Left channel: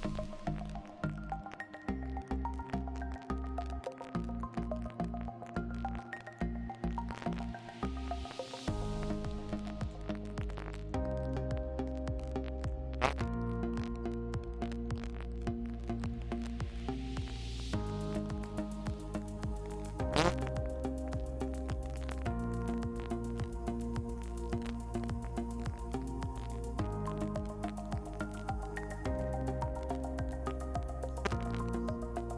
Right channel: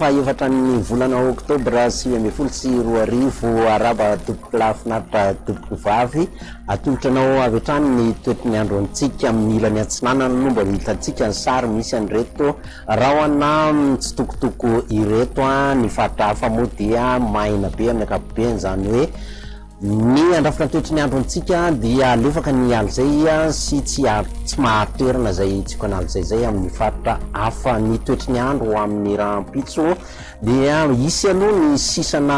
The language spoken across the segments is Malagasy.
fahaefatra ny volana oktobra 2024 araba tompoko lafinaritra tompoko vavy atolotranao avy hatrany ny toetry ny andro antsika amin'ny ilany antsinanana no mba hitantsika ny sary misy an'ireto rahona mitsitokotoko ireto ny faritra hafa moa dia maina be amin'ny ankapobeny, zany hoe ny andrafitra ny toetry ny andro antsika dia alefaka ny alzay sy tsy maharitoerana zay tsika analzay zay amin'ny faritra hafa. Ny toetry ny andro amin'ny rahampitso dia isy aloha ny sisana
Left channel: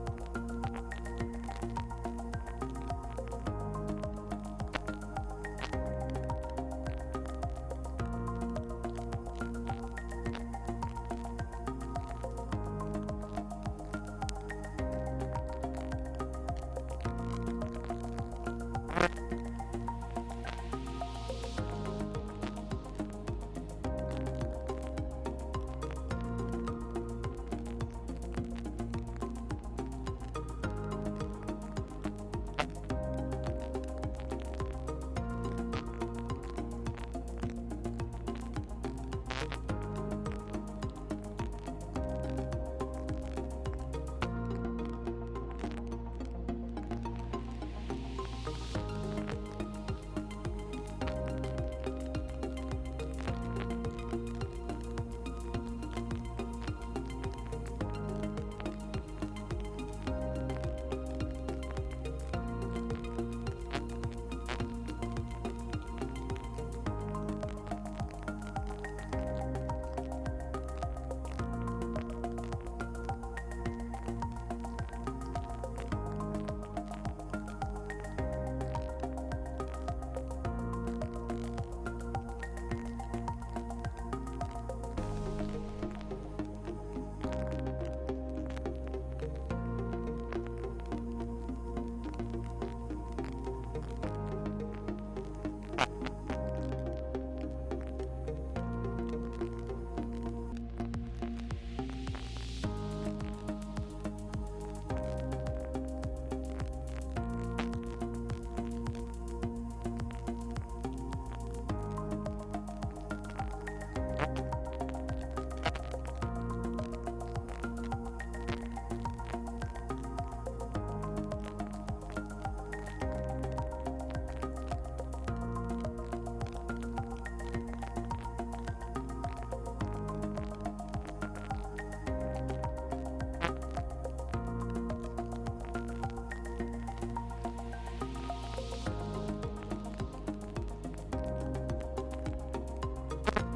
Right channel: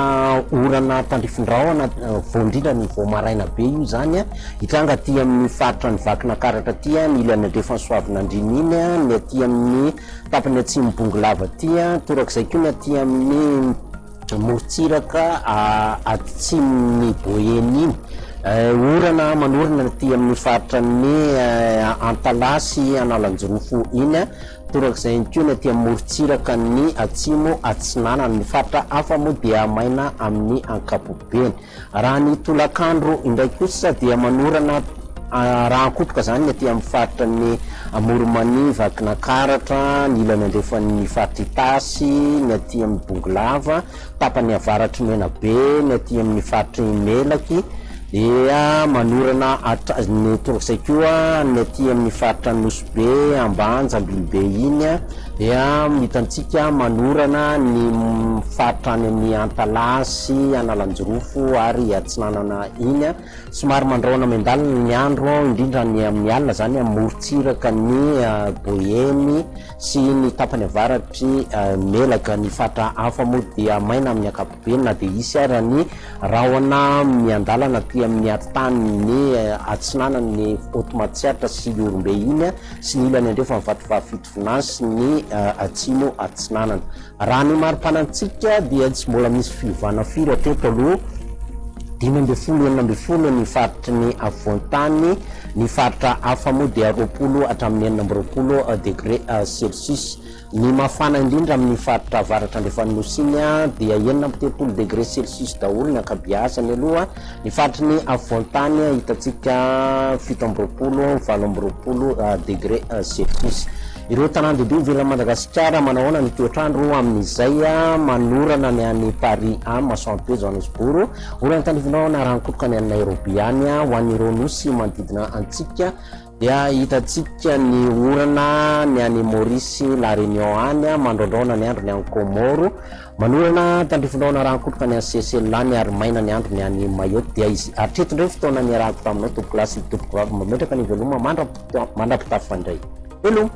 orana tandrifindrahona voindrindra ny voamaraina be io zany hitranga aty amin'ny faritra ny vakina karatra aty ny ilany andrefa soavina andriny iny ny aty amin'ny tapany atsimbongolava aty torak'izay koa ny aty amin'ny morotsiraka atsiminy boeny iny orana manorana aty amin'ny faritra ny antalasy analanjirofo iny torak'izay koa ny aty amin'ny morotsiraka ny atsimo atsinana ny faritra hafa moa dia maina amin'ny ankapobeny. Raha ny tolakandro indraiky kosa dia manorana raha ankotroka zany aty amin'ny faritra ny Moromani, vakina karatra, ny ilany andrefan'ny faritra Itasy, ny aty amin'ny bongolava, tapany avaratry menabe, ny aty amin'ny faritra melaky dia manorana ny torak'izay koa ny aty amin'ny faritra Nosbe, Ambanja, Ambilobe iny dia hitantsika manorana ny faritra any amin'ny Antalasy, Analanjirofo ary Atsinanana iny somary mandraona mendalina ny andro indrindra ny amin'ny alina zany morotsiraka ny boeny sy ny tapany avaratry melaka. Ny faritra hafa moa dia maina amin'ny ankapobeny na dia isy ary ny rahona miandalana aty amin'ny atitany ny atsinanany Otomatsiatra sy Orombe iny sy ny ilany andrefa mivatovavy fitovinasy ny atsimo atsinanana. Raha ny marim-panantsika dia tsy mbola misy fiovana firy hatreto aloha 5-40 ny faritry ny avoantany, ny faritra hafa moa dia 20 hatramin'ny 40 degré Celsius. Ny mafana indrindra amin'ny faritra avaratra andrefan'ny nosiny dia 30 degré Celsius daholo ny ankabeazany aloha. Ny faritry ny avoantany hitantsika 17-20 degré Celsius. Ireo tanàn-dehibe ivelany Madagasikara manahoana ny toetrandro amin'izay manorana ny any Paris Masoandro Johannesburg, orana tandrifindrahona raha nikotroka ny any Nairobi any ho an'ireo nosy manodidina antsika dia hitantsika ny orana ny any Maurice, La Réunion any mandrondraona ny andro ny any Comoro, manorana tandrifindrahona raha nikotroka ny any Seychelles any ary maina ny andro ny any Mayotte. Dia izy hatreto indray fotoana ny arahako taminao tompoko lasy tompoko vavy mametraka ny veloma mandrapitafy fandray. Hello.